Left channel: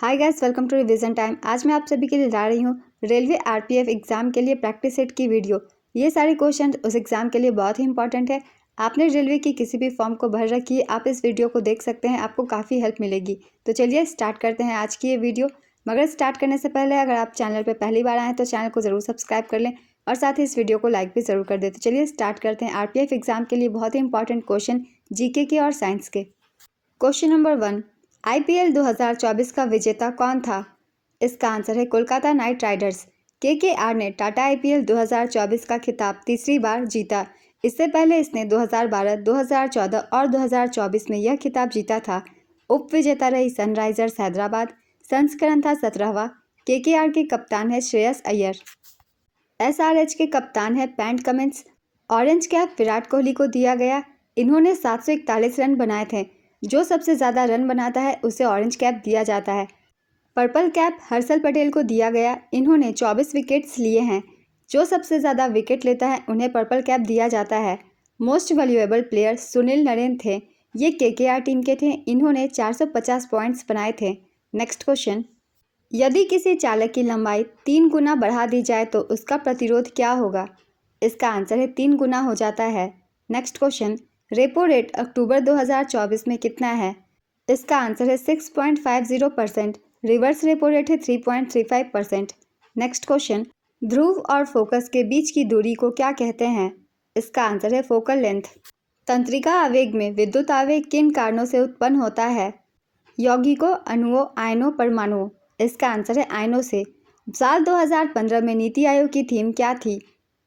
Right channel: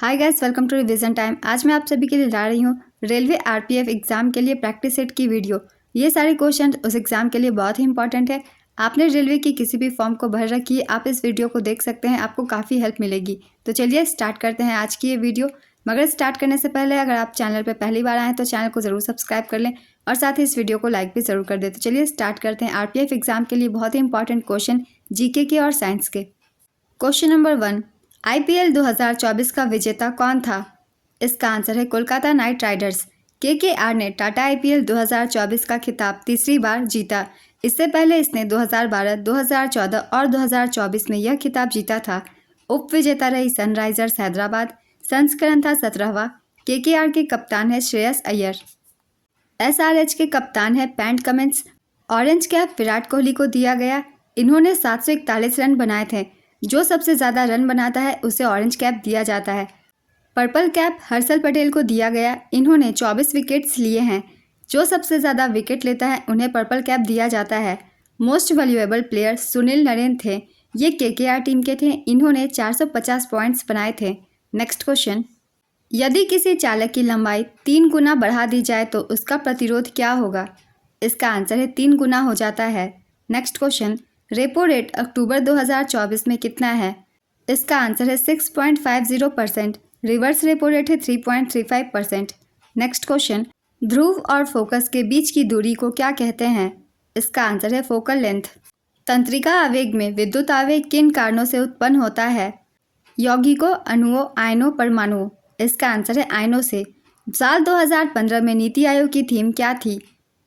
Hi guys, welcome to revision time. आज मैं आप सभी के लिए ला रही हूँ रेलवे आरपीएफ एग्जाम के लिए प्रैक्टिस सेट की वीडियो। ये सारे क्वेश्चन उस एग्जाम के लिए बहुत ही इंपॉर्टेंट है। आपने रेलवे की किसी भी फॉर्म को भर रखी है, आप इस वीडियो को देख सकते हैं, आपको काफ़ी हेल्प मिलेगी। तो चलिए स्टार्ट करते हैं आज की ये वीडियो। मगर स्टार्ट करने से पहले अगर आप चैनल पर पहली बार आएँ तो चैनल को ज़रूर सब्सक्राइब कर लें और साथ ही इस वीडियो को लाइक भी ज़रूर कर दें। तो चलिए स्टार्ट करते हैं आरपीएफ एग्जाम के लिए बहुत ही इंपॉर्टेंट क्वेश्चन जीके के और साइंस के। क्वेश्चन नंबर 1, आईपीएल 2024 का विजेता कौन था? इसका आंसर है कोलकाता नाइट राइडर्स। केकेआर ने टाटा आईपीएल 2024 का खिताब तीसरी बार जीता। इससे पहले इसने 2012, 2014 और 2024 में यह खिताब जीता था। उप विजेता रही सनराइजर्स हैदराबाद। संस्करण था 17वां। केकेआर के कप्तान है श्रेयस अय्यर। एसआरएच के कप्तान है PAT Cummins. Orange cap Virat Kohli को दिया गया। इन्होंने 741 रन बनाए थे। जो सबसे ज़्यादा रन बनाता है उसे ऑरेंज कैप दिया जाता है। पर्पल कैप हर्षल पटेल को दिया गया। इन्होंने 24 विकेट्स लिए हैं। जो सबसे ज़्यादा विकेट लेता है उन्हें पर्पल कैप दिया जाता है। Most valuable player Sunil Narine थे। ये केकेआर टीम के थे। इन्होंने 450 पॉइंट्स बनाए थे। नेक्स्ट क्वेश्चन, यदि किसी चालक की लंबाई 3 गुना बढ़ा दी जाए तो उसका प्रतिरोध क्या होगा? इसका आंसर है 3 गुना हो जाता है। नेक्स्ट क्वेश्चन, रेपो रेट अक्टूबर 2024 में कितना है? इसका आंसर है 6.50%। रिवर्स रेपो रेट है 3.35%। नेक्स्ट क्वेश्चन, ध्रुव और फोकस के बीच की दूरी को क्या कहते हैं? इसका आंसर है फोकल लेंथ। तंत्रिका आवेग में विद्युत आवेग किन कारणों से उत्पन्न होता है? यौगिकों, अणुओं, आयनों, परमाणुओं। इसका आंसर है आयनों से। साल 2015 में नीति आयोग की थीम क्या थी?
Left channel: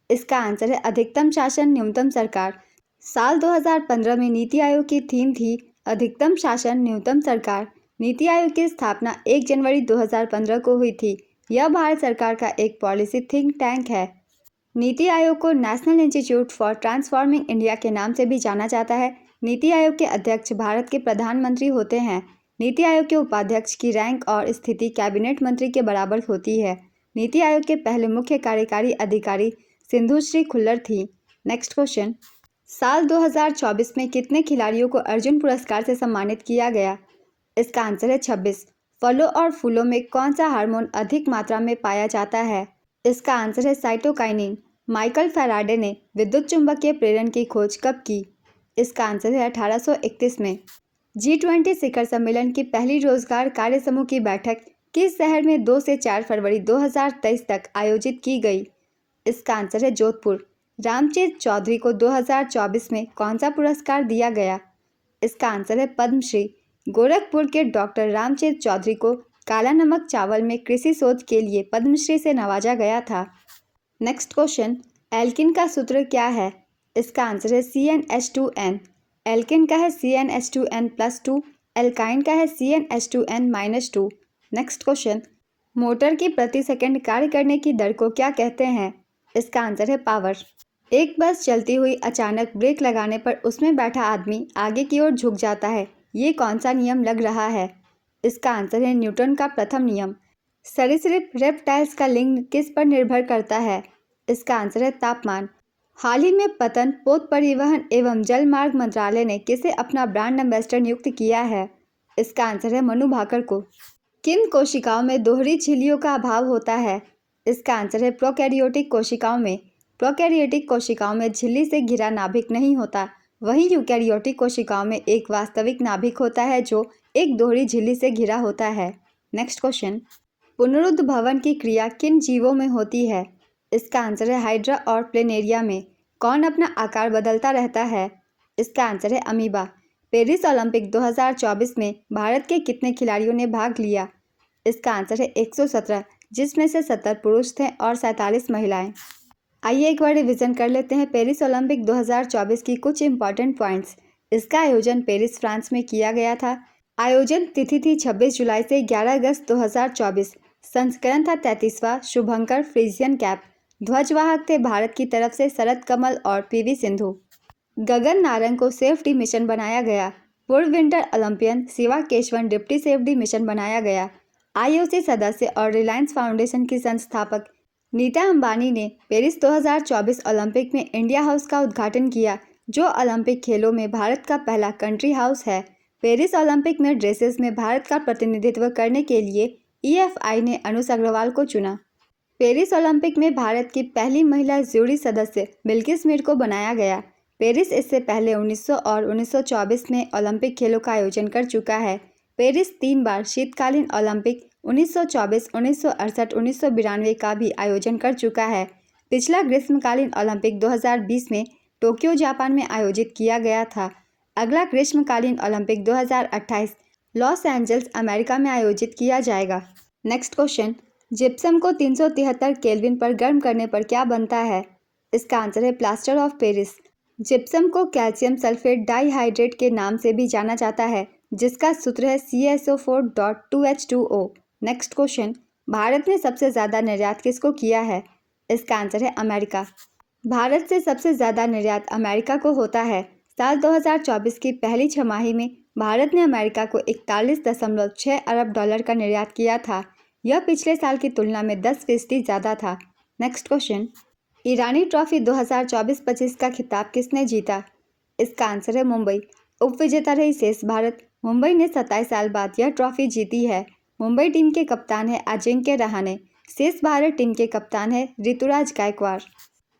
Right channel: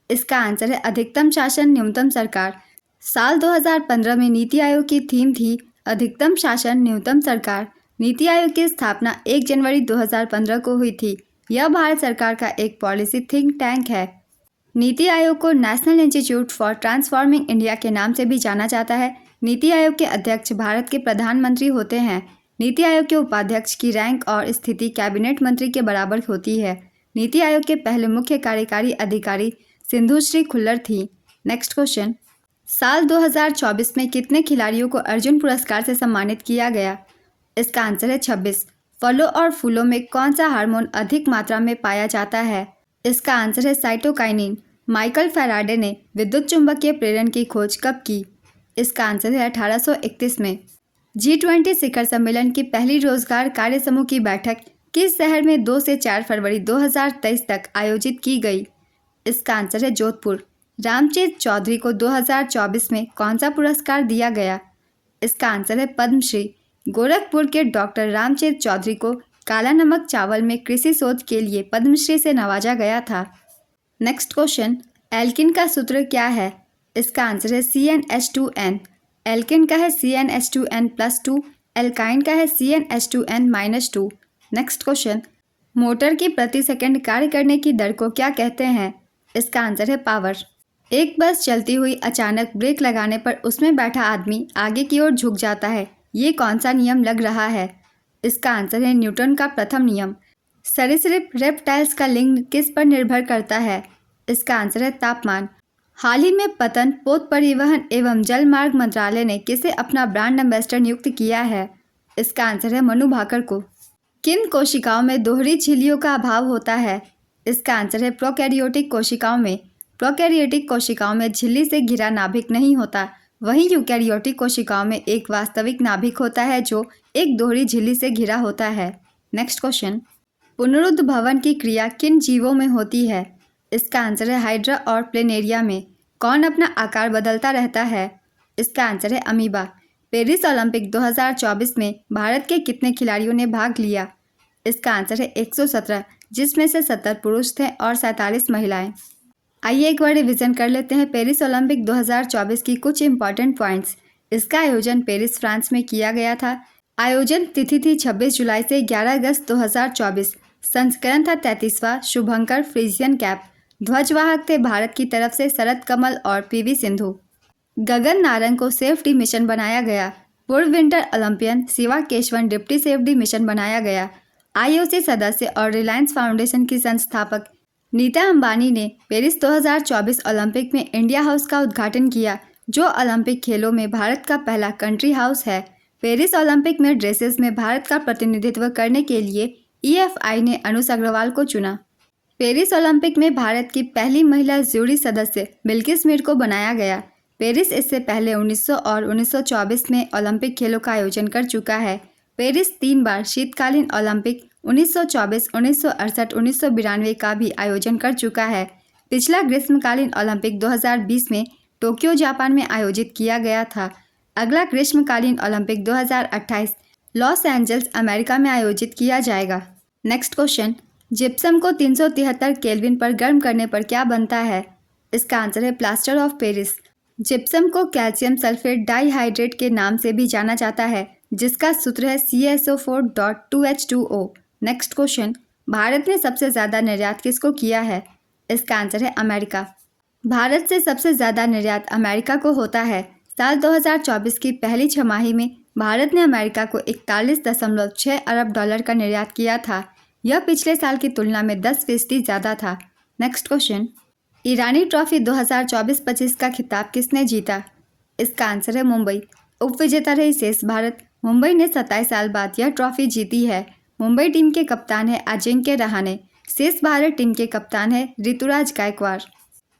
इसका आंसर है अधिकतम शासन न्यूनतम सरकार। साल 2015 में नीति आयोग की थीम थी अधिकतम शासन न्यूनतम सरकार। नीति आयोग की स्थापना 1 जनवरी 2015 को हुई थी। यह भारत सरकार का एक पॉलिसी थिंक टैंक है। नीति आयोग को national institute for transforming India के नाम से भी जाना जाता है। नीति आयोग के अध्यक्ष भारत के प्रधानमंत्री होते हैं। नीति आयोग के उपाध्यक्ष की रैंक और स्थिति कैबिनेट मंत्री के बराबर होती है। नीति आयोग के पहले मुख्य कार्यकारी अधिकारी सिंधुश्री खुल्लर थी। नेक्स्ट क्वेश्चन, साल 2024 में कितने खिलाड़ियों को अर्जुन पुरस्कार से सम्मानित किया गया? इसका आंसर है 26। फलों और फूलों में कौन सा हार्मोन अधिक मात्रा में पाया जाता है? इसका आंसर है साइटोकाइनिन। माइकल फैराडे ने विद्युत चुंबकीय प्रेरण की खोज कब की? इसका आंसर है 1831 में। G20 शिखर सम्मेलन की पहली रोजगार कार्य समूह की बैठक किस शहर में 2 से 4 फरवरी 2023 तक आयोजित की गई? इसका आंसर है जोधपुर। रामचरित चौधरी को 2024 में कौन सा पुरस्कार दिया गया? इसका आंसर है पद्मश्री। गोरखपुर के डॉक्टर रामचरित चौधरी को काला नमक चावल में कृषि शोध के लिए पद्मश्री से नवाजा गया था। नेक्स्ट क्वेश्चन, एल्किन का सूत्र क्या है? इसका आंसर है CnH2n। एल्किन का है CnH2n+2। एल्काइन का है CnH2n-2। नेक्स्ट क्वेश्चन, मोटर की प्रति सेकंड कार्य करने की दर को क्या कहते हैं? इसका आंसर है पावर। एक बस चलती हुई अचानक ब्रेक लगाने पर उसमें बैठा आदमी आगे की ओर झुक जाता है। ये कौन सा नियम लग रहा है? इसका आंसर है न्यूटन का प्रथम नियम। सरीसृप रेप्टाइल्स का लिंग किस पर निर्भर करता है? इसका आंसर है तापमान। हाल ही में पतन, पोत परिवहन एवं जल मार्ग मंत्रालय ने किसे अपना ब्रांड एम्बेसडर नियुक्त किया है? इसका आंसर है मनु भाकर को। किन कोशिकाओं में दोहरी झिल्लियों का अभाव होता है? इसका आंसर है प्रोकैरियोटिक कोशिकाओं में। प्रोकैरियोटिक कोशिकाओं में झिल्ली से घिरा नाभिक नहीं होता। वहीं यूकैरियोटिक कोशिकाओं में एक वास्तविक नाभिक होता है जो एक दोहरी झिल्ली से घिरा होता है। नेक्स्ट क्वेश्चन, पुनरुद्भवन की क्रिया किन जीवों में होती है? इसका आंसर है हाइड्रा और प्लेनेरिया में। कौन अपना आकार बदलता रहता है? इसका आंसर है अमीबा। पेरिस ओलंपिक 2024 में भारत के कितने खिलाड़ियों ने भाग लिया? इसका आंसर है 117, जिसमें से 70 पुरुष थे और 47 महिलाएं। आइए एक बार रिविजन कर लेते हैं पेरिस ओलंपिक 2024 की कुछ इंपॉर्टेंट पॉइंट्स। इसका आयोजन पेरिस, फ्रांस में किया गया था। आयोजन तिथि थी 26 जुलाई से 11 अगस्त 2024। संस्करण था 33वां। शुभंकर फ्रीजियन कैप। ध्वजवाहक थे भारत की तरफ से शरद कमल और PV सिंधु। गगन नारंग को सेफ्टी मिशन बनाया गया। पूर्व winter Olympian Shiva Keshavan deputy safety mission बनाया गया। IOC सदस्य और रिलायंस फाउंडेशन की संस्थापक नीता अंबानी ने पेरिस 2024 ओलंपिक में इंडिया हाउस का उद्घाटन किया, जो ओलंपिक खेलों में भारत का पहला कंट्री हाउस है। पेरिस ओलंपिक में ड्रेसेस में भारत का प्रतिनिधित्व करने के लिए EFI ने अनुष अग्रवाल को चुना। पेरिस ओलंपिक में भारत की पहली महिला जूरी सदस्य बिल्किस मीर को बनाया गया। पेरिस इससे पहले 1900 और 1924 में ओलंपिक खेलों का आयोजन कर चुका है। पेरिस 3 बार शीतकालीन ओलंपिक 1924, 1968, 1992 का भी आयोजन कर चुका है। पिछला ग्रीष्मकालीन ओलंपिक 2020 में टोक्यो जापान में आयोजित किया गया था। अगला ग्रीष्मकालीन ओलंपिक 2028 लॉस एंजल्स अमेरिका में आयोजित किया जाएगा। नेक्स्ट क्वेश्चन, जिप्सम को 373 केल्विन पर गर्म करने पर क्या बनता है? इसका आंसर है प्लास्टर ऑफ पेरिस। जिप्सम को कैल्शियम सल्फेट डाइहाइड्रेट के नाम से भी जाना जाता है, जिसका सूत्र है CaSO4.2H2O। नेक्स्ट क्वेश्चन, भारत ने सबसे ज़्यादा निर्यात किसको किया है? इसका आंसर है अमेरिका। भारत से सबसे ज़्यादा निर्यात अमेरिका को होता है। साल 2024 की पहली छमाही में भारत ने अमेरिका को 41.6 अरब डॉलर का निर्यात किया था। यह पिछले साल की तुलना में 10% ज़्यादा था। नेक्स्ट क्वेश्चन, ईरानी ट्रॉफी 2024-25 का खिताब किसने जीता? इसका आंसर है मुंबई। उपविजेता रही शेष भारत। मुंबई ने 27 साल बाद यह ट्रॉफी जीती है। मुंबई टीम के कप्तान है अजिंक्य रहाणे। शेष भारत टीम के कप्तान है ऋतुराज गायकवाड़।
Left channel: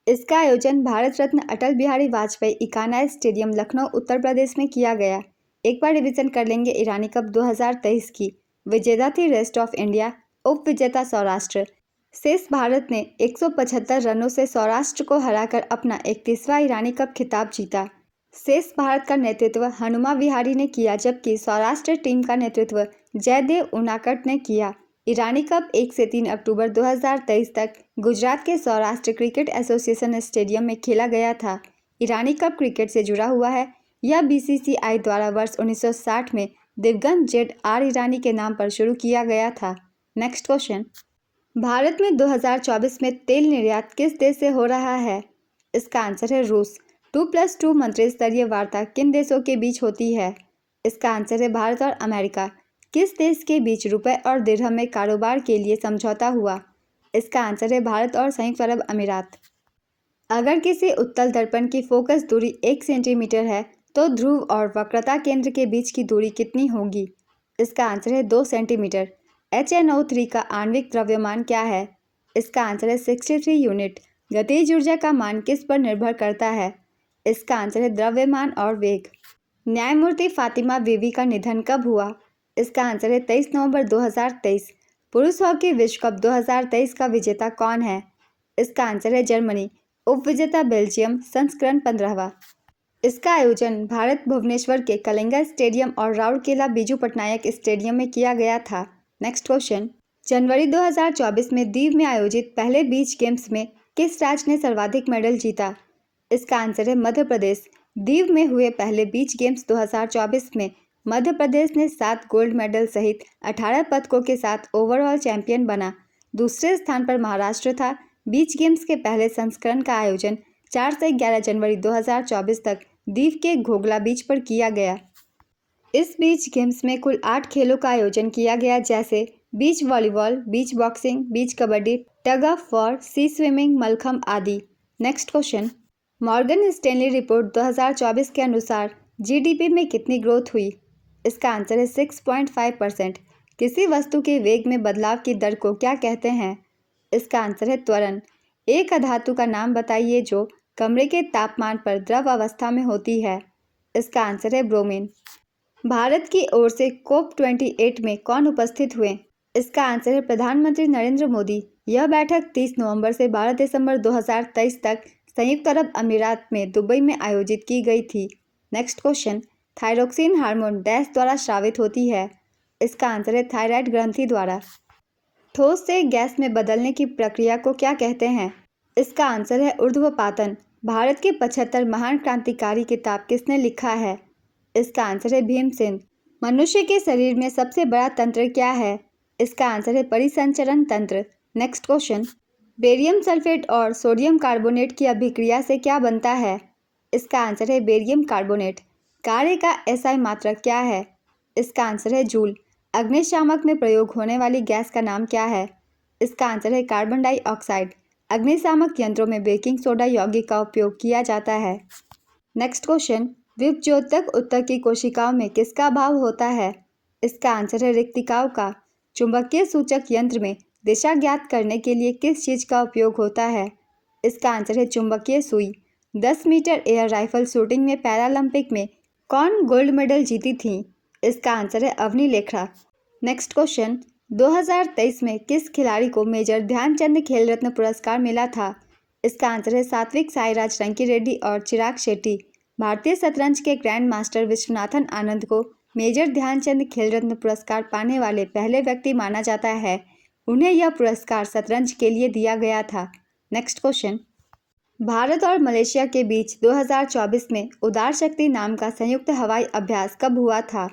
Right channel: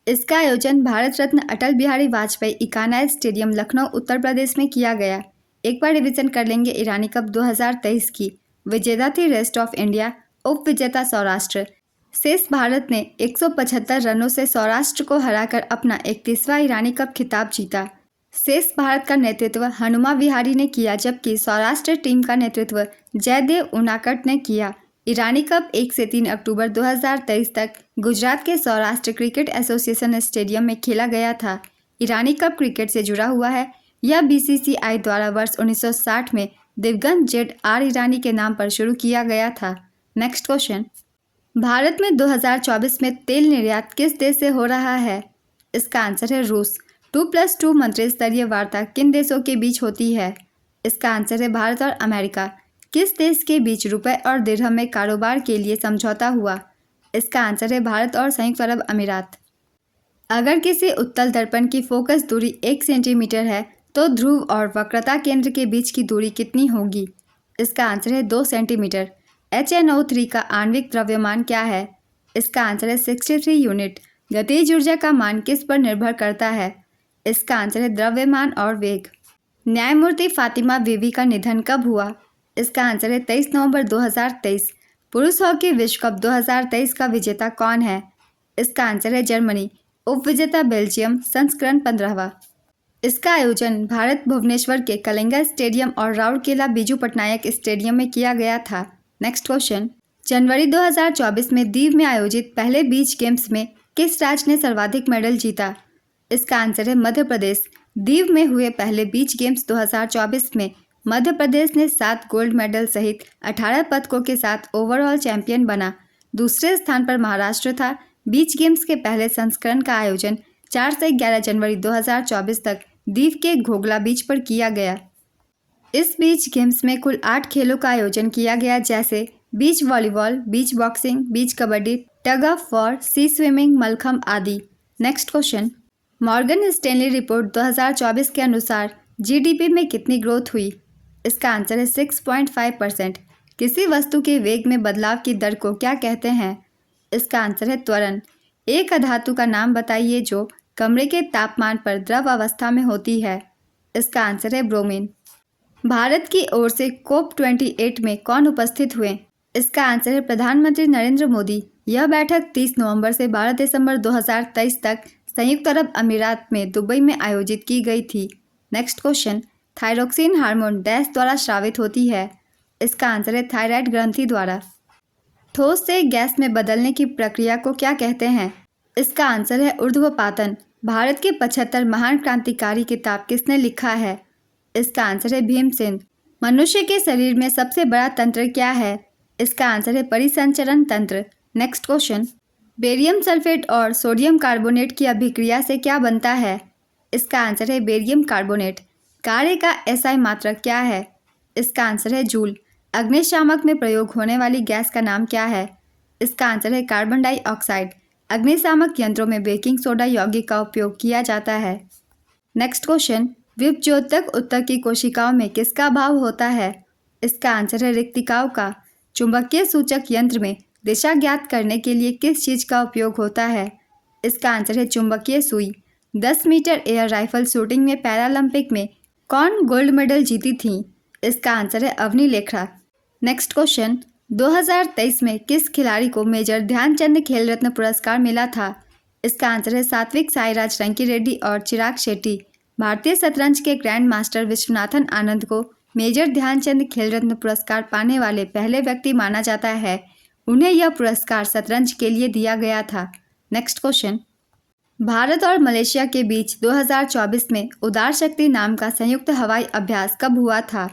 इसका आयोजन भारत रत्न अटल बिहारी वाजपेयी इकाना स्टेडियम लखनऊ उत्तर प्रदेश में किया गया। एक बार रिवीजन कर लेंगे ईरानी कप 2023 की। विजेता थी रेस्ट ऑफ इंडिया, उपविजेता सौराष्ट्र। शेष भारत ने 175 रनों से सौराष्ट्र को हराकर अपना 31वां ईरानी कप खिताब जीता। शेष भारत का नेतृत्व हनुमा विहारी ने किया, जबकि सौराष्ट्र टीम का नेतृत्व जयदेव उनाकट ने किया। ईरानी कप 1 से 3 अक्टूबर 2023 तक गुजरात के सौराष्ट्र क्रिकेट एसोसिएशन स्टेडियम में खेला गया था। ईरानी कप क्रिकेट से जुड़ा हुआ है। यह BCCI द्वारा वर्ष 1960 में दिवंगत ZR ईरानी के नाम पर शुरू किया गया था। नेक्स्ट क्वेश्चन, भारत में 2024 में तेल निर्यात किस देश से हो रहा है? इसका आंसर है रूस। 2+2 मंत्री स्तरीय वार्ता किन देशों के बीच होती है? इसका आंसर है भारत और अमेरिका। किस देश के बीच रुपए और दिरहम में कारोबार के लिए समझौता हुआ? इसका आंसर है भारत और संयुक्त अरब अमीरात। अगर किसी उत्तल दर्पण की फोकस दूरी 1 सेंटीमीटर है तो ध्रुव और वक्रता केंद्र के बीच की दूरी कितनी होगी? इसका आंसर है 2 सेंटीमीटर। HNO3 का आणविक द्रव्यमान क्या है? इसका आंसर है 63 यूनिट। गतिज ऊर्जा का मान किस पर निर्भर करता है? इसका आंसर है द्रव्यमान और वेग। न्यायमूर्ति फातिमा बीवी का निधन कब हुआ? इसका आंसर है 23 नवंबर 2023। पुरुष हॉकी विश्व कप 2023 का विजेता कौन है? इसका आंसर है जर्मनी। उपविजेता बेल्जियम, संस्करण 15वां। इसका आयोजन भारत भुवनेश्वर के कलिंगा स्टेडियम और राउरकेला बीजू पटनायक स्टेडियम में किया गया था। नेक्स्ट क्वेश्चन, जनवरी 2024 में दीव में आयोजित पहले बीच गेम्स में किस राज्य ने सर्वाधिक मेडल जीता? इसका आंसर है मध्य प्रदेश। दीव में हुए पहले बीच गेम्स 2024 में मध्य प्रदेश ने 7 गोल्ड मेडल सहित 18 पदकों के साथ ओवरऑल चैंपियन बना। दूसरे स्थान पर महाराष्ट्र था। बीच गेम्स के पहले संस्करण का आयोजन 4 से 11 जनवरी 2024 तक दीव के घोगला बीच पर किया गया। इस बीच गेम्स में कुल 8 खेलों का आयोजन किया गया, जैसे beach volleyball, beach boxing, beach kabaddi, tug of war, sea swimming, mallakhamb आदि। Next question, Morgan Stanley report 2024 के अनुसार GDP में कितनी ग्रोथ हुई? इसका आंसर है 6.5%। किसी वस्तु के वेग में बदलाव की दर को क्या कहते हैं? इसका आंसर है त्वरण। एक अधातु का नाम बताइए जो कमरे के तापमान पर द्रव अवस्था में होती है। इसका आंसर है ब्रोमीन। भारत की ओर से COP28 में कौन उपस्थित हुए? इसका आंसर है प्रधानमंत्री नरेंद्र मोदी। यह बैठक 30 नवंबर से 12 दिसंबर 2023 तक संयुक्त अरब अमीरात में दुबई में आयोजित की गई थी। Next question, thyroxine hormone dash द्वारा स्रावित होती है। इसका आंसर है थायराइड ग्रंथि द्वारा। ठोस से गैस में बदलने की प्रक्रिया को क्या कहते हैं? इसका आंसर है ऊर्ध्वपातन। भारत के 75 महान क्रांतिकारी किताब किसने लिखा है? इसका आंसर है भीमसेन। मनुष्य के शरीर में सबसे बड़ा तंत्र क्या है? इसका आंसर है परिसंचरण तंत्र। नेक्स्ट क्वेश्चन, बेरियम सल्फेट और सोडियम कार्बोनेट की अभिक्रिया से क्या बनता है? इसका आंसर है बेरियम कार्बोनेट। कार्य का SI मात्रक क्या है? इसका आंसर है जूल। अग्निशामक में प्रयोग होने वाली गैस का नाम क्या है? इसका आंसर है कार्बन डाइऑक्साइड। अग्निशामक यंत्रों में बेकिंग सोडा यौगिक का उपयोग किया जाता है। नेक्स्ट क्वेश्चन, विभज्योतक उत्तक की कोशिकाओं में किसका अभाव होता है? इसका आंसर है रिक्तिकाओं का। चुंबकीय सूचक यंत्र में दिशा ज्ञात करने के लिए किस चीज का उपयोग होता है? इसका आंसर है चुंबकीय सुई। 10 मीटर एयर राइफल शूटिंग में पैरालंपिक में कौन गोल्ड मेडल जीती थी? इसका आंसर है अवनी लेखरा। नेक्स्ट क्वेश्चन, 2023 में किस खिलाड़ी को मेजर ध्यानचंद खेल रत्न पुरस्कार मिला था? इसका आंसर है सात्विक साईराज रंकी रेड्डी और चिराग शेट्टी। भारतीय शतरंज के ग्रैंड मास्टर विश्वनाथन आनंद को मेजर ध्यानचंद खेल रत्न पुरस्कार पाने वाले पहले व्यक्ति माना जाता है। उन्हें यह पुरस्कार शतरंज के लिए दिया गया था। नेक्स्ट क्वेश्चन, भारत और मलेशिया के बीच 2024 में उदार शक्ति नाम का संयुक्त हवाई अभ्यास कब हुआ था?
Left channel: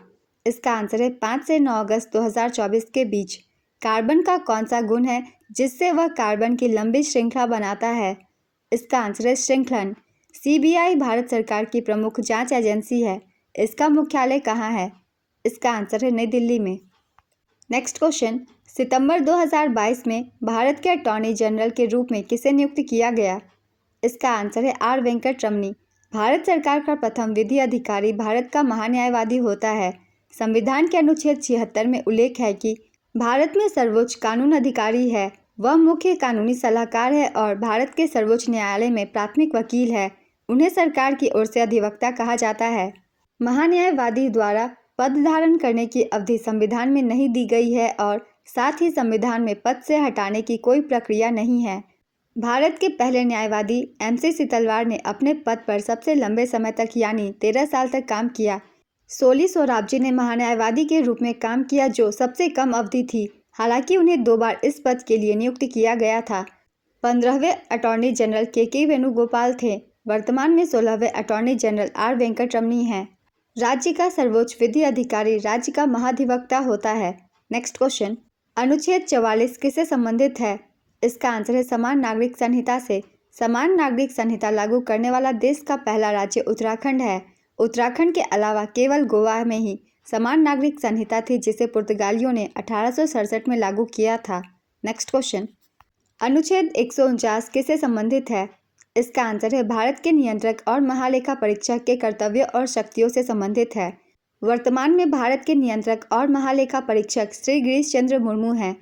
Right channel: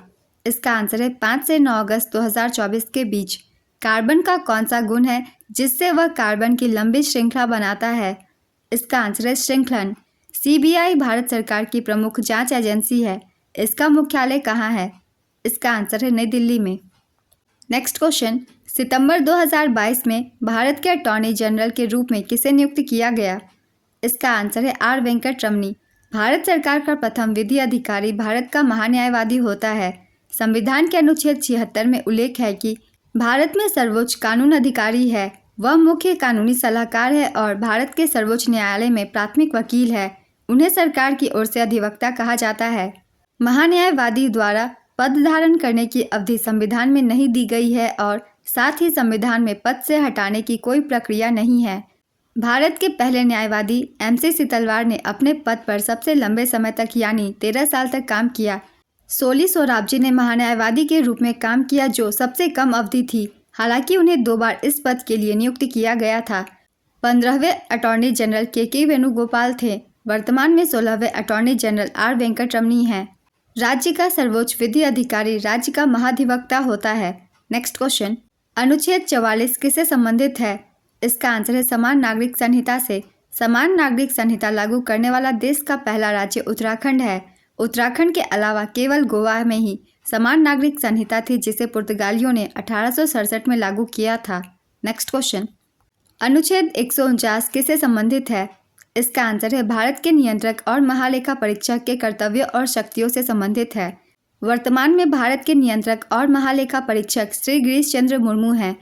इसका आंसर है 5 से 9 अगस्त 2024 के बीच। कार्बन का कौन सा गुण है जिससे वह कार्बन की लंबी श्रृंखला बनाता है? इसका आंसर है श्रृंखलन। सीबीआई भारत सरकार की प्रमुख जांच एजेंसी है। इसका मुख्यालय कहाँ है? इसका आंसर है नई दिल्ली में। नेक्स्ट क्वेश्चन, सितंबर 2022 में भारत के अटॉर्नी जनरल के रूप में किसे नियुक्त किया गया? इसका आंसर है आर वेंकट रमनी। भारत सरकार का प्रथम विधि अधिकारी भारत का महान्यायवादी होता है। संविधान के अनुच्छेद 76 में उल्लेख है कि भारत में सर्वोच्च कानून अधिकारी है। वह मुख्य कानूनी सलाहकार है और भारत के सर्वोच्च न्यायालय में प्राथमिक वकील है। उन्हें सरकार की ओर से अधिवक्ता कहा जाता है। महान्यायवादी द्वारा पद धारण करने की अवधि संविधान में नहीं दी गई है और साथ ही संविधान में पद से हटाने की कोई प्रक्रिया नहीं है। भारत के पहले न्यायवादी MC सितलवार ने अपने पद पर सबसे लंबे समय तक यानी 13 साल तक काम किया। सोली सोराबजी ने महान्यायवादी के रूप में काम किया जो सबसे कम अवधि थी। हालांकि उन्हें 2 बार इस पद के लिए नियुक्त किया गया था। 15वें अटॉर्नी जनरल के वेणुगोपाल थे। वर्तमान में 16वें अटॉर्नी जनरल आर वेंकट रमनी हैं। राज्य का सर्वोच्च विधि अधिकारी राज्य का महाधिवक्ता होता है। नेक्स्ट क्वेश्चन, अनुच्छेद 44 किससे संबंधित है? इसका आंसर है समान नागरिक संहिता से। समान नागरिक संहिता लागू करने वाला देश का पहला राज्य उत्तराखंड है। उत्तराखंड के अलावा केवल गोवा में ही समान नागरिक संहिता थी जिसे पुर्तगालियों ने 1867 में लागू किया था। नेक्स्ट क्वेश्चन, अनुच्छेद 149 किससे संबंधित है? इसका आंसर है भारत के नियंत्रक और महालेखा परीक्षक के कर्तव्य और शक्तियों से संबंधित है। वर्तमान में भारत के नियंत्रक और महालेखा परीक्षक श्री गिरीश चंद्र मुर्मू हैं।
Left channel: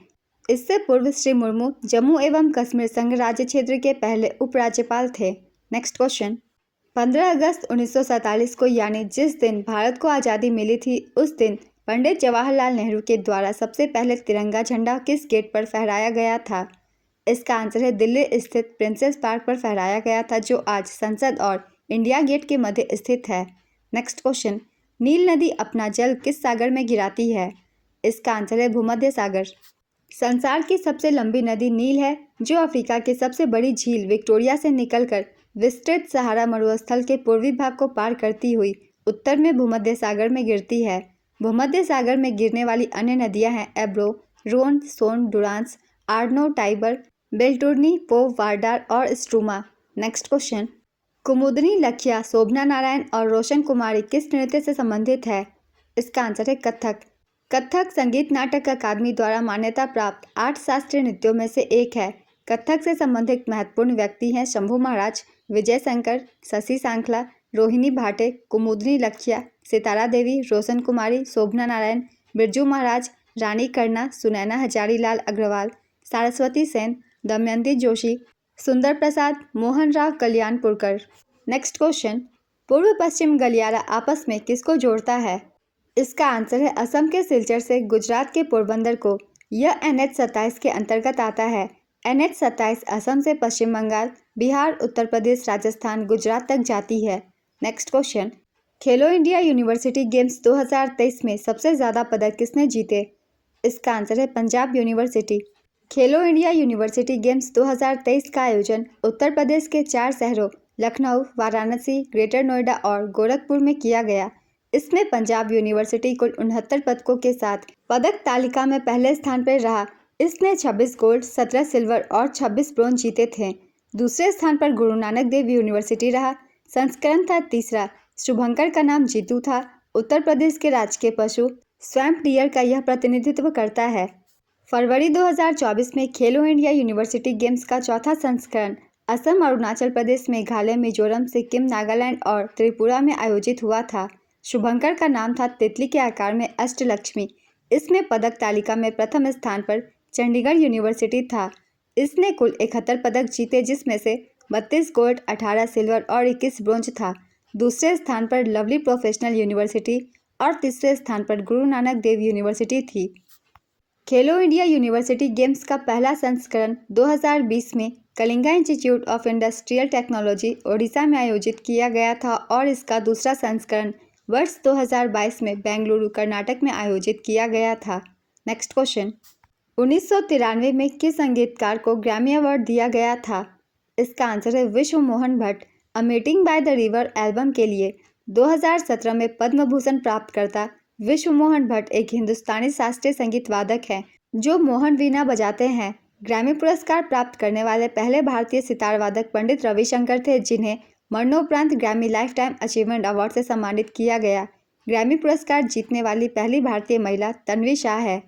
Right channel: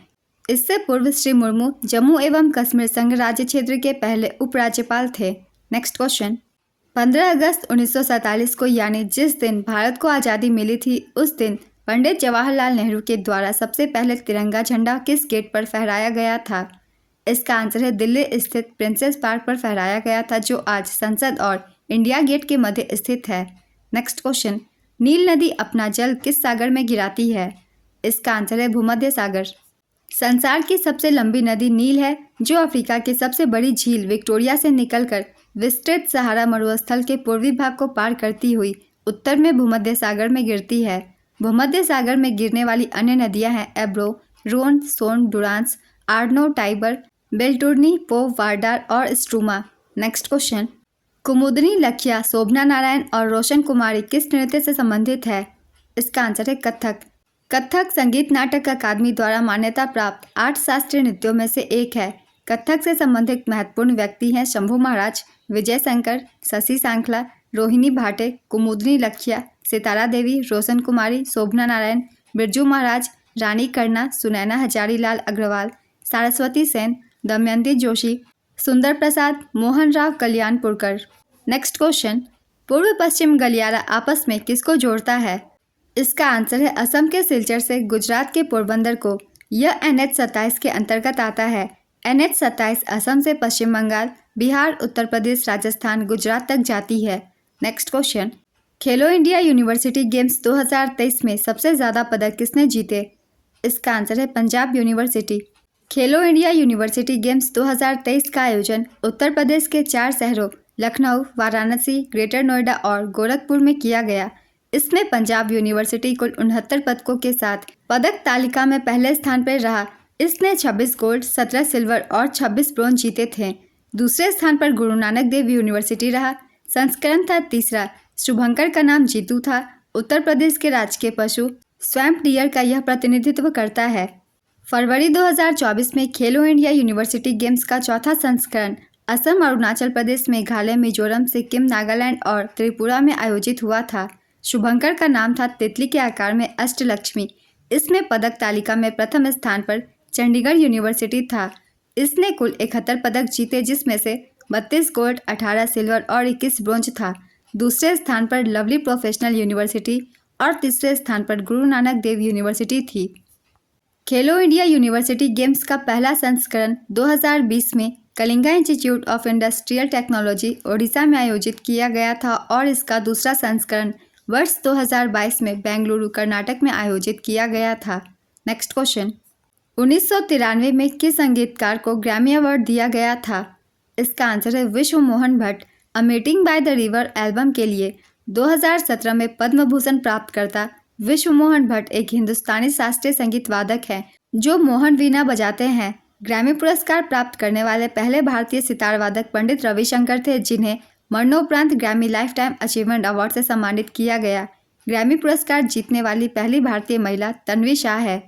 इससे पूर्व श्री मुर्मू जम्मू एवं कश्मीर संघ राज्य क्षेत्र के पहले उपराज्यपाल थे। नेक्स्ट क्वेश्चन, 15 अगस्त 1947 को यानी जिस दिन भारत को आज़ादी मिली थी उस दिन पंडित जवाहरलाल नेहरू के द्वारा सबसे पहले तिरंगा झंडा किस गेट पर फहराया गया था? इसका आंसर है दिल्ली स्थित प्रिंसेस पार्क पर फहराया गया था जो आज संसद और इंडिया गेट के मध्य स्थित है। नेक्स्ट क्वेश्चन, नील नदी अपना जल किस सागर में गिराती है? इसका आंसर है भूमध्य सागर। संसार की सबसे लंबी नदी नील है जो अफ्रीका की सबसे बड़ी झील विक्टोरिया से निकलकर विस्तृत सहारा मरुस्थल के पूर्वी भाग को पार करती हुई उत्तर में भूमध्य सागर में गिरती है। भूमध्य सागर में गिरने वाली अन्य नदियां हैं एब्रो, रोन, सोन, डुरांस, आर्नो, टाइबर, बेल्टुर्नी, पो, वार्डार और स्ट्रूमा। नेक्स्ट क्वेश्चन, कुमुदनी लखिया, शोभना नारायण और रोशन कुमारी किस नृत्य से संबंधित है? इसका आंसर है कथक। कथक संगीत नाटक अकादमी द्वारा मान्यता प्राप्त 8 शास्त्रीय नृत्यों में से एक है। कथक से संबंधित महत्वपूर्ण व्यक्ति हैं शंभू महाराज, विजय शंकर, शशि सांखला, रोहिणी भाटे, कुमुदनी लखिया, सितारा देवी, रोशन कुमारी, शोभना नारायण, बिरजू महाराज, रानी कर्णा, सुनैना हजारीलाल अग्रवाल, सरस्वती सेन, दमयंती जोशी, सुंदर प्रसाद, मोहन राव कल्याणपुरकर। नेक्स्ट क्वेश्चन, पूर्व पश्चिम गलियारा आपस में किसको जोड़ता है? इसका आंसर है असम के सिलचर से गुजरात के पोरबंदर को। यह NH-27 के अंतर्गत आता है। NH-27 असम से पश्चिम बंगाल, बिहार, उत्तर प्रदेश, राजस्थान, गुजरात तक जाती है। नेक्स्ट क्वेश्चन, खेलो इंडिया यूनिवर्सिटी गेम्स 2023 में सबसे ज़्यादा पदक किसने जीते? इसका आंसर है पंजाब यूनिवर्सिटी। खेलो इंडिया यूनिवर्सिटी गेम्स 2023 का आयोजन उत्तर प्रदेश के 4 शहरों लखनऊ, वाराणसी, ग्रेटर नोएडा और गोरखपुर में किया गया। इसमें पंजाब यूनिवर्सिटी कुल 69 पदकों के साथ पदक तालिका में पहले स्थान पर रहा। इसने 26 गोल्ड, 17 सिल्वर और 26 ब्रोंज जीते थे। दूसरे स्थान पर गुरु नानक देव यूनिवर्सिटी रहा। संस्करण था तीसरा। शुभंकर का नाम जीतू था। उत्तर प्रदेश के राजकीय पशु स्वैम्प डियर का यह प्रतिनिधित्व करता है। फरवरी 2024 में खेलो इंडिया यूनिवर्सिटी गेम्स का चौथा संस्करण असम, अरुणाचल प्रदेश, मेघालय, मिजोरम, सिक्किम, नागालैंड और त्रिपुरा में आयोजित हुआ था। शुभंकर का नाम था तितली के आकार में अष्टलक्ष्मी। इसमें पदक तालिका में प्रथम स्थान पर चंडीगढ़ यूनिवर्सिटी था। इसने कुल 71 पदक जीते, जिसमें से 32 गोल्ड, 18 सिल्वर और 21 ब्रोंज था। दूसरे स्थान पर लवली प्रोफेशनल यूनिवर्सिटी और तीसरे स्थान पर गुरु नानक देव यूनिवर्सिटी थी। खेलो इंडिया यूनिवर्सिटी गेम्स का पहला संस्करण 2020 में Kalinga institute of industrial technology, Odisha में आयोजित किया गया था और इसका दूसरा संस्करण वर्ष 2022 में बेंगलुरु, कर्नाटक में आयोजित किया गया था। नेक्स्ट क्वेश्चन, 1993 में किस संगीतकार को ग्रैमी अवार्ड दिया गया था? इसका आंसर है विश्व Mohan Bhatt. A meeting by the river album के लिए 2017 में पद्म भूषण प्राप्तकर्ता विश्व मोहन भट्ट एक हिंदुस्तानी शास्त्रीय संगीत वादक है जो मोहन वीणा बजाते हैं। ग्रैमी पुरस्कार प्राप्त करने वाले पहले भारतीय सितार वादक पंडित रविशंकर थे, जिन्हें मरणोपरांत Grammy life time achievement award से सम्मानित किया गया। ग्रैमी पुरस्कार जीतने वाली पहली भारतीय महिला तन्वी शाह है।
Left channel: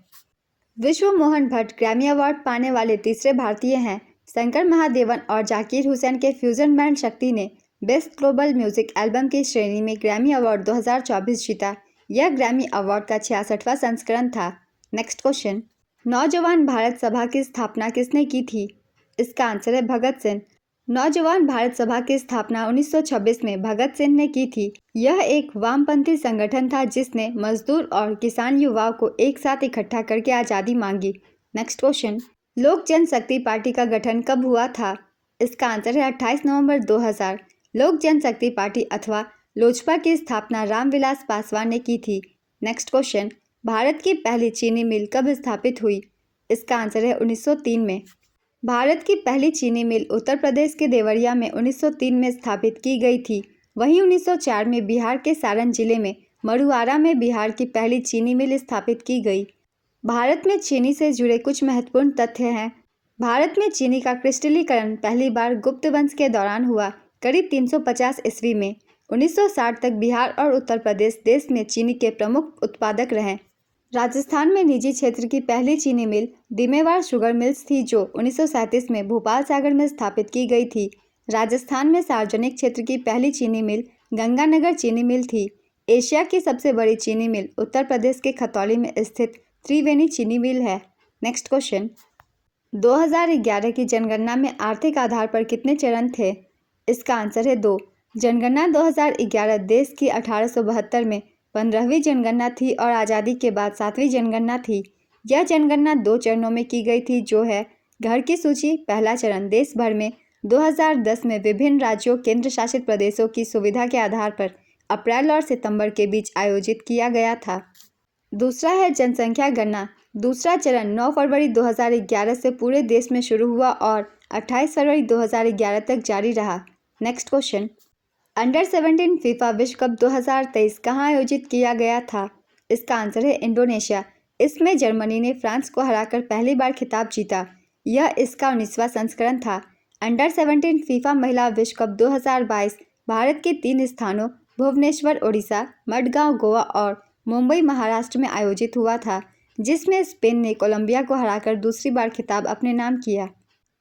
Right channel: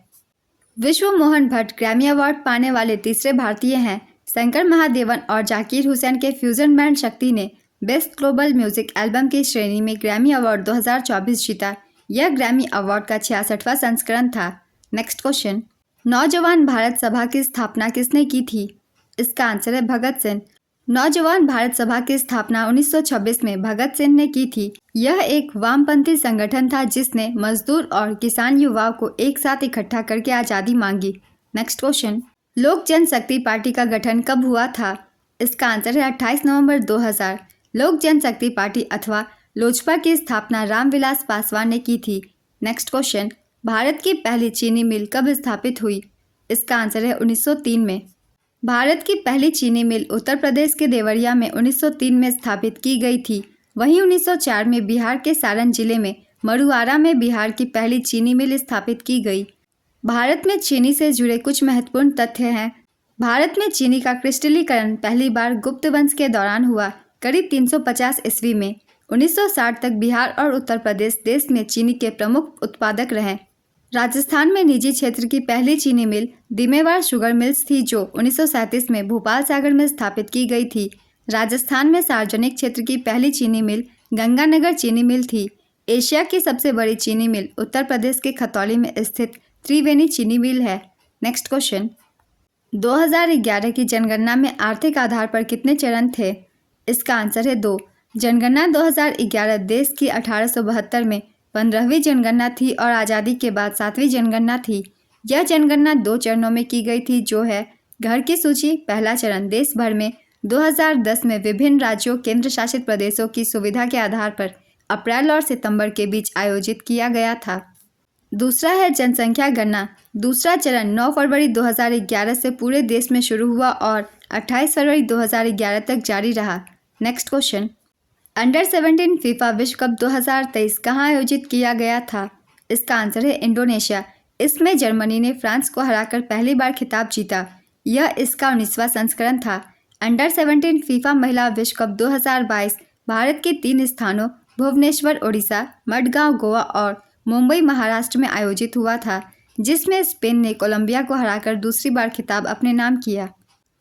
विश्व मोहन भट्ट ग्रैमी अवार्ड पाने वाले तीसरे भारतीय हैं। शंकर महादेवन और जाकिर हुसैन के फ्यूजन बैंड शक्ति ने बेस्ट ग्लोबल म्यूजिक एल्बम की श्रेणी में ग्रैमी अवार्ड 2024 जीता। यह ग्रैमी अवार्ड का 66वां संस्करण था। नेक्स्ट क्वेश्चन, नौजवान भारत सभा की स्थापना किसने की थी? इसका आंसर है भगत सिंह। नौजवान भारत सभा की स्थापना 1926 में भगत सिंह ने की थी। यह एक वामपंथी संगठन था जिसने मजदूर और किसान युवाओं को एक साथ इकट्ठा करके आज़ादी मांगी। नेक्स्ट क्वेश्चन, लोक जनशक्ति पार्टी का गठन कब हुआ था? इसका आंसर है 28 नवंबर 2000। लोक जनशक्ति पार्टी अथवा लोजपा की स्थापना रामविलास पासवान ने की थी। नेक्स्ट क्वेश्चन, भारत की पहली चीनी मिल कब स्थापित हुई? इसका आंसर है 1903 में। भारत की पहली चीनी मिल उत्तर प्रदेश के देवरिया में 1903 में स्थापित की गई थी। वहीं 1904 में बिहार के सारण जिले में मरुआरा में बिहार की पहली चीनी मिल स्थापित की गई। भारत में चीनी से जुड़े कुछ महत्वपूर्ण तथ्य हैं। भारत में चीनी का क्रिस्टलीकरण पहली बार गुप्त वंश के दौरान हुआ, करीब 350 ईस्वी में। 1960 तक बिहार और उत्तर प्रदेश देश में चीनी के प्रमुख उत्पादक रहे। राजस्थान में निजी क्षेत्र की पहली चीनी मिल दिमेवाड़ शुगर मिल्स थी, जो 1937 में भोपाल सागर में स्थापित की गई थी। राजस्थान में सार्वजनिक क्षेत्र की पहली चीनी मिल गंगानगर चीनी मिल थी। एशिया की सबसे बड़ी चीनी मिल उत्तर प्रदेश के खतौली में स्थित त्रिवेणी चीनी मिल है। नेक्स्ट क्वेश्चन, 2011 की जनगणना में आर्थिक आधार पर कितने चरण थे? इसका आंसर है 2। जनगणना 2011 देश की 1872 में 15वीं जनगणना थी और आज़ादी के बाद 7वीं जनगणना थी। यह जनगणना 2 चरणों में की गई थी, जो है घर की सूची। पहला चरण देश भर में 2010 में विभिन्न राज्यों केंद्र शासित प्रदेशों की सुविधा के आधार पर अप्रैल और सितंबर के बीच आयोजित किया गया था। दूसरा है जनसंख्या गणना। दूसरा चरण 9 फरवरी 2011 से पूरे देश में शुरू हुआ और 28 फरवरी 2011 तक जारी रहा। नेक्स्ट क्वेश्चन, अंडर 17 फीफा विश्व कप 2023 कहाँ आयोजित किया गया था? इसका आंसर है इंडोनेशिया। इसमें जर्मनी ने फ्रांस को हराकर पहली बार खिताब जीता। यह इसका 19वां संस्करण था। अंडर 17 फीफा महिला विश्व कप 2022 भारत के 3 स्थानों भुवनेश्वर ओडिशा, मडगांव गोवा और मुंबई महाराष्ट्र में आयोजित हुआ था, जिसमें स्पेन ने कोलंबिया को हराकर दूसरी बार खिताब अपने नाम किया।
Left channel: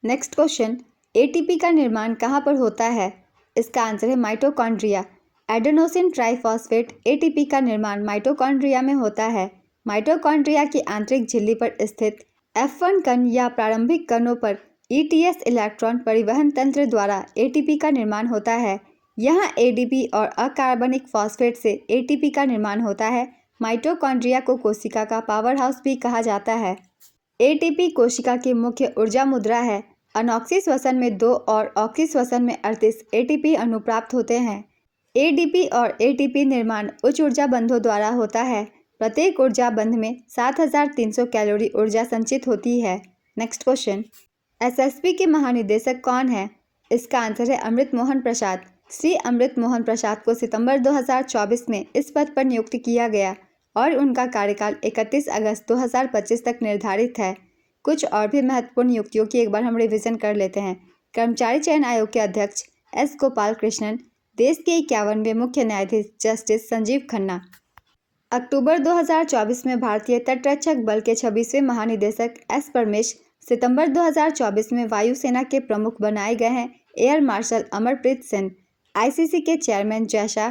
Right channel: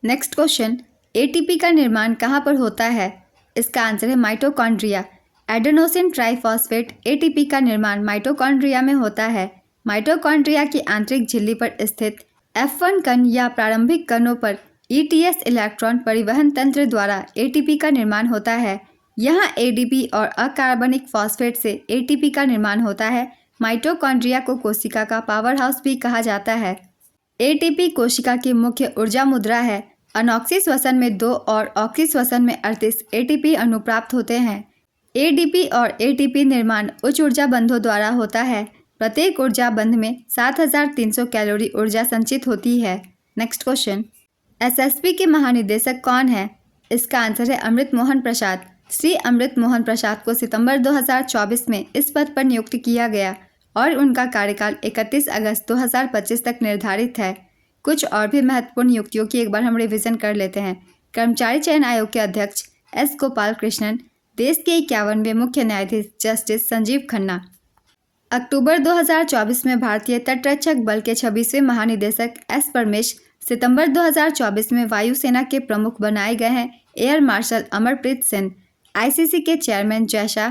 नेक्स्ट क्वेश्चन, एटीपी का निर्माण कहाँ पर होता है? इसका आंसर है माइटोकॉन्ड्रिया। एडेनोसिन ट्राइफॉस्फेट एटीपी का निर्माण माइटोकॉन्ड्रिया में होता है। माइटोकॉन्ड्रिया की आंतरिक झिल्ली पर स्थित F1 कण या प्रारंभिक कणों पर ETS इलेक्ट्रॉन परिवहन तंत्र द्वारा एटीपी का निर्माण होता है। यहाँ एडीपी और अकार्बनिक फॉस्फेट से एटीपी का निर्माण होता है। माइटोकॉन्ड्रिया को कोशिका का पावर हाउस भी कहा जाता है। एटीपी कोशिका की मुख्य ऊर्जा मुद्रा है। अनॉक्सी श्वसन में 2 और ऑक्सी श्वसन में 38 एटीपी अणु प्राप्त होते हैं। एडीपी और एटीपी निर्माण उच्च ऊर्जा बंधों द्वारा होता है। प्रत्येक ऊर्जा बंध में 7300 कैलोरी ऊर्जा संचित होती है। नेक्स्ट क्वेश्चन, एसएसबी के महानिदेशक कौन है? इसका आंसर है अमृत मोहन प्रसाद। श्री अमृत मोहन प्रसाद को सितंबर 2024 में इस पद पर नियुक्त किया गया और उनका कार्यकाल 31 अगस्त 2025 तक निर्धारित है। कुछ और भी महत्वपूर्ण नियुक्तियों की एक बार हम रिवीजन कर लेते हैं। कर्मचारी चयन आयोग के अध्यक्ष एस गोपाल कृष्णन। देश के 51वें मुख्य न्यायाधीश जस्टिस संजीव खन्ना। अक्टूबर 2024 में भारतीय तटरक्षक बल के 26वें महानिदेशक एस परमेश। सितंबर 2024 में वायुसेना के प्रमुख बनाए गए हैं air marshal Amarpreet Singh, ICC के चेयरमैन जय शाह,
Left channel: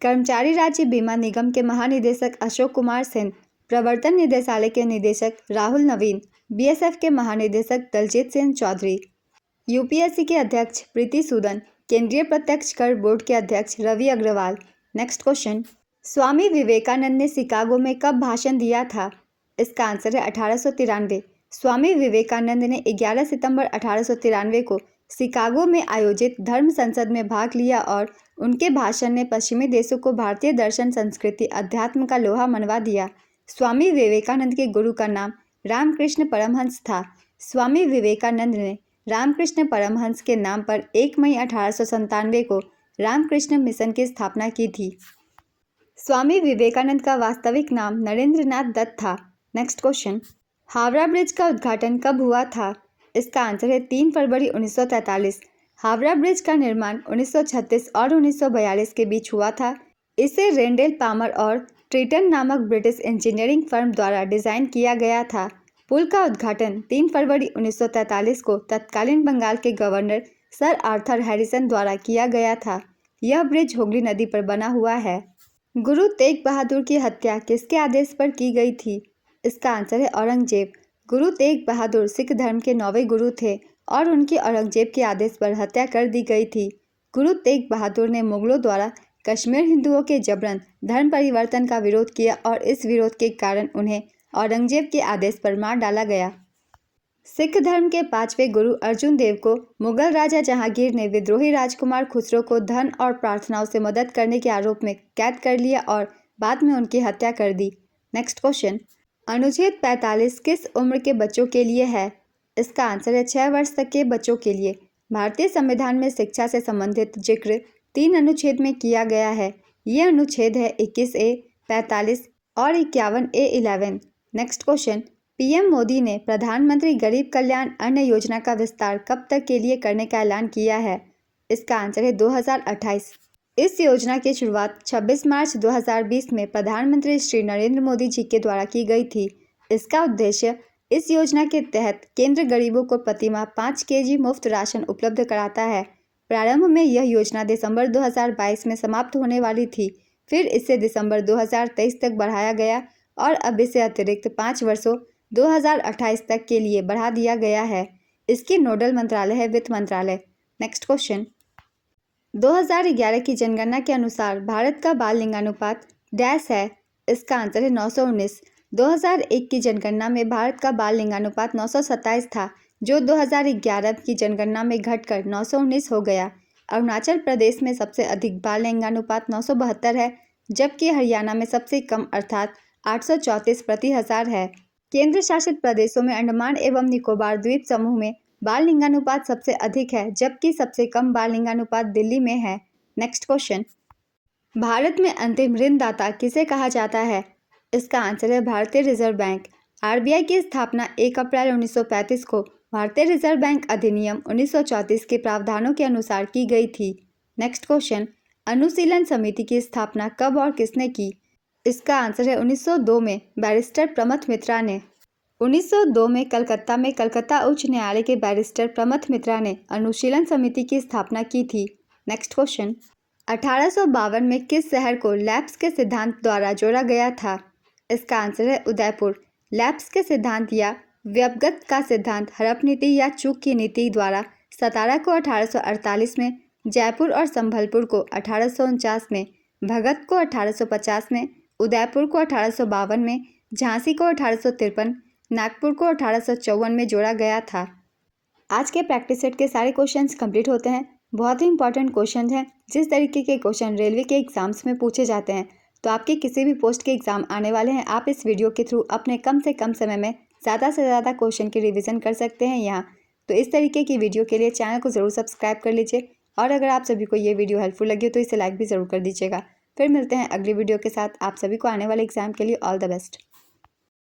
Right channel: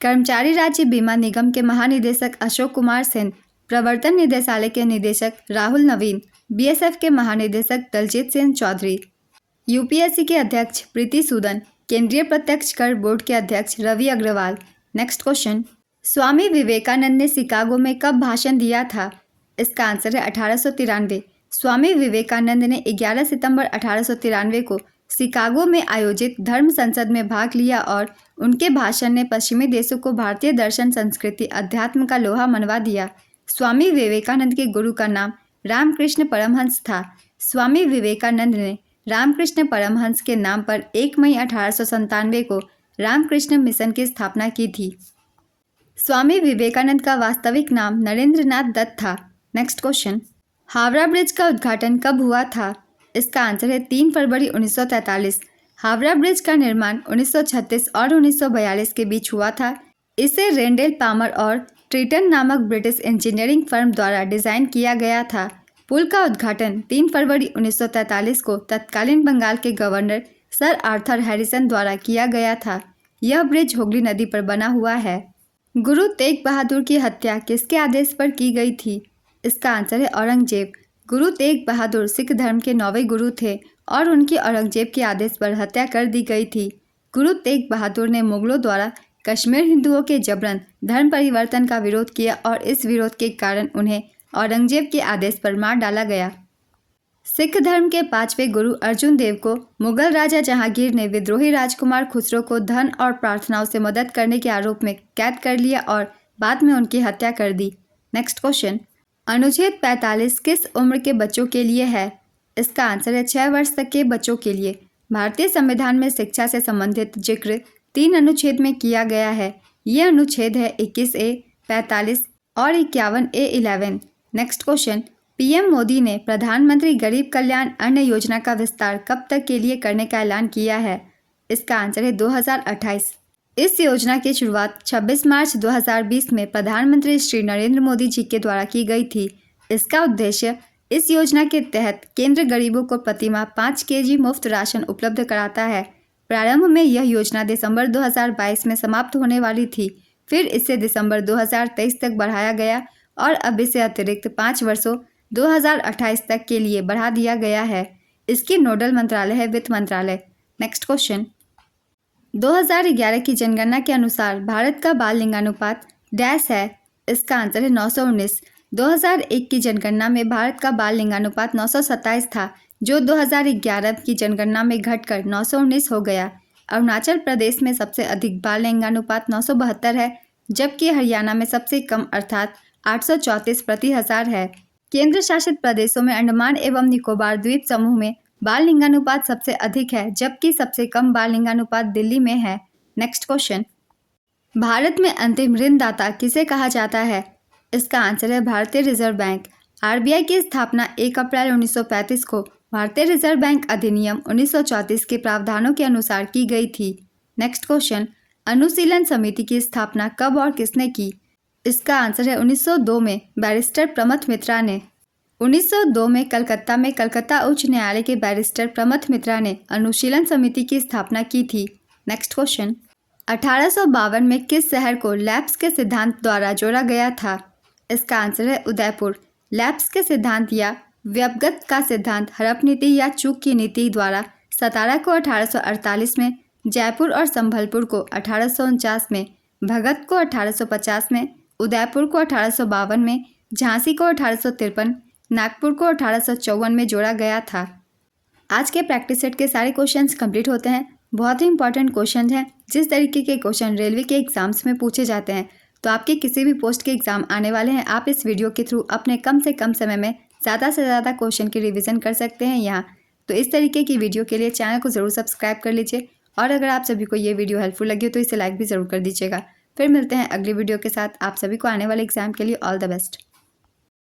कर्मचारी राज्य बीमा निगम के महानिदेशक अशोक कुमार सिंह, प्रवर्तन निदेशालय के निदेशक राहुल नवीन, बीएसएफ के महानिदेशक दलजीत सिंह चौधरी, यूपीएससी के अध्यक्ष प्रीति सूदन, केंद्रीय प्रत्यक्ष कर बोर्ड के अध्यक्ष रवि अग्रवाल। नेक्स्ट क्वेश्चन, स्वामी विवेकानंद ने शिकागो में कब भाषण दिया था? इसका आंसर है 1893। स्वामी विवेकानंद ने 11 सितंबर 1893 को शिकागो में आयोजित धर्म संसद में भाग लिया और उनके भाषण ने पश्चिमी देशों को भारतीय दर्शन, संस्कृति, अध्यात्म का लोहा मनवा दिया। स्वामी विवेकानंद के गुरु का नाम रामकृष्ण परमहंस था। स्वामी विवेकानंद ने रामकृष्ण परमहंस के नाम पर 1 मई 1897 को रामकृष्ण मिशन की स्थापना की थी। स्वामी विवेकानंद का वास्तविक नाम नरेंद्रनाथ दत्त था। नेक्स्ट क्वेश्चन, हावड़ा ब्रिज का उद्घाटन कब हुआ था? इसका आंसर है 3 फरवरी 1943। हावड़ा ब्रिज का निर्माण 1936 और 1942 के बीच हुआ था। इसे रेंडेल पामर और ट्रीटन नामक ब्रिटिश इंजीनियरिंग फर्म द्वारा डिजाइन किया गया था। पुल का उद्घाटन 3 फरवरी 1943 को तत्कालीन बंगाल के गवर्नर सर आर्थर हैरिसन द्वारा किया गया था। यह ब्रिज हुगली नदी पर बना हुआ है। गुरु तेग बहादुर की हत्या किसके आदेश पर की गई थी? इसका आंसर है औरंगजेब। गुरु तेग बहादुर सिख धर्म के 9वें गुरु थे और उनकी औरंगजेब के आदेश पर हत्या कर दी गई थी। गुरु तेग बहादुर ने मुगलों द्वारा कश्मीर हिंदुओं के जबरन धर्म परिवर्तन का विरोध किया और इस विरोध के कारण उन्हें औरंगजेब के आदेश पर मार डाला गया। सिख धर्म के 5वें गुरु अर्जुन देव को मुगल राजा जहांगीर ने विद्रोही राजकुमार खुसरो को धन और प्रार्थनाओं से मदद करने के आरोप में कैद कर लिया और बाद में उनकी हत्या कर दी। नेक्स्ट क्वेश्चन, अनुच्छेद 45 किस उम्र के बच्चों के लिए है? इसका आंसर है 6 वर्ष तक के बच्चों के लिए। भारतीय संविधान में शिक्षा से संबंधित जिक्र 3 अनुच्छेद में किया गया है। ये अनुच्छेद है 21A, 45 और 51A11। Next question, PM Modi ने प्रधानमंत्री गरीब कल्याण अन्न योजना का विस्तार कब तक के लिए करने का ऐलान किया है? इसका आंसर है 2028। इस योजना की शुरुआत 26 मार्च 2020 में प्रधानमंत्री श्री नरेंद्र मोदी जी के द्वारा की गई थी। इसका उद्देश्य इस योजना के तहत केंद्र गरीबों को प्रतिमाह 5 केजी मुफ्त राशन उपलब्ध कराता है। प्रारंभ में यह योजना दिसंबर 2022 में समाप्त होने वाली थी, फिर इसे दिसंबर 2023 तक बढ़ाया गया और अब इसे अतिरिक्त 5 वर्षों 2028 तक के लिए बढ़ा दिया गया है। इसकी नोडल मंत्रालय है वित्त मंत्रालय। नेक्स्ट क्वेश्चन, 2011 की जनगणना के अनुसार भारत का बाल लिंगानुपात डैश है? इसका आंसर है 919। 2001 की जनगणना में भारत का बाल लिंगानुपात 927 था, जो 2011 की जनगणना में घटकर 919 हो गया। अरुणाचल प्रदेश में सबसे अधिक बाल लिंगानुपात 972 है, जबकि हरियाणा में सबसे कम अर्थात 834 प्रति हजार है। केंद्र शासित प्रदेशों में अंडमान एवं निकोबार द्वीप समूह में बाल लिंगानुपात सबसे अधिक है, जबकि सबसे कम बाल लिंगानुपात दिल्ली में है। नेक्स्ट क्वेश्चन, भारत में अंतिम ऋणदाता किसे कहा जाता है? इसका आंसर है भारतीय रिजर्व बैंक। आरबीआई की स्थापना 1 अप्रैल 1935 को भारतीय रिजर्व बैंक अधिनियम 1934 के प्रावधानों के अनुसार की गई थी। नेक्स्ट क्वेश्चन, अनुशीलन समिति की स्थापना कब और किसने की? इसका आंसर है 1902 में बैरिस्टर प्रमथ मित्रा ने। 1902 में कलकत्ता उच्च न्यायालय के बैरिस्टर प्रमथ मित्रा ने अनुशीलन समिति की स्थापना की थी। नेक्स्ट क्वेश्चन, 1852 में किस शहर को लैप्स के सिद्धांत द्वारा जोड़ा गया था? इसका आंसर है उदयपुर। लैप्स के सिद्धांत या व्यपगत का सिद्धांत हड़प नीति या चूक की नीति द्वारा सतारा को 1848 में, जयपुर और संभलपुर को 1849 में, भगत को 1850 में, उदयपुर को 1852 में, झांसी को 1853, नागपुर को 1854 में जोड़ा गया था। आज के प्रैक्टिस सेट के सारे क्वेश्चंस कंप्लीट होते हैं। बहुत ही इंपॉर्टेंट क्वेश्चन हैं। जिस तरीके के क्वेश्चन रेलवे के एग्जाम्स में पूछे जाते हैं, तो आपके किसी भी पोस्ट के एग्ज़ाम आने वाले हैं, आप इस वीडियो के थ्रू अपने कम से कम समय में ज़्यादा से ज़्यादा क्वेश्चन की रिवीजन कर सकते हैं यहाँ। तो इस तरीके की वीडियो के लिए चैनल को ज़रूर सब्सक्राइब कर लीजिए और अगर आप सभी को ये वीडियो हेल्पफुल लगी हो तो इसे लाइक भी ज़रूर कर दीजिएगा। फिर मिलते हैं अगली वीडियो के साथ। आप सभी को आने वाले एग्जाम के लिए ऑल द बेस्ट।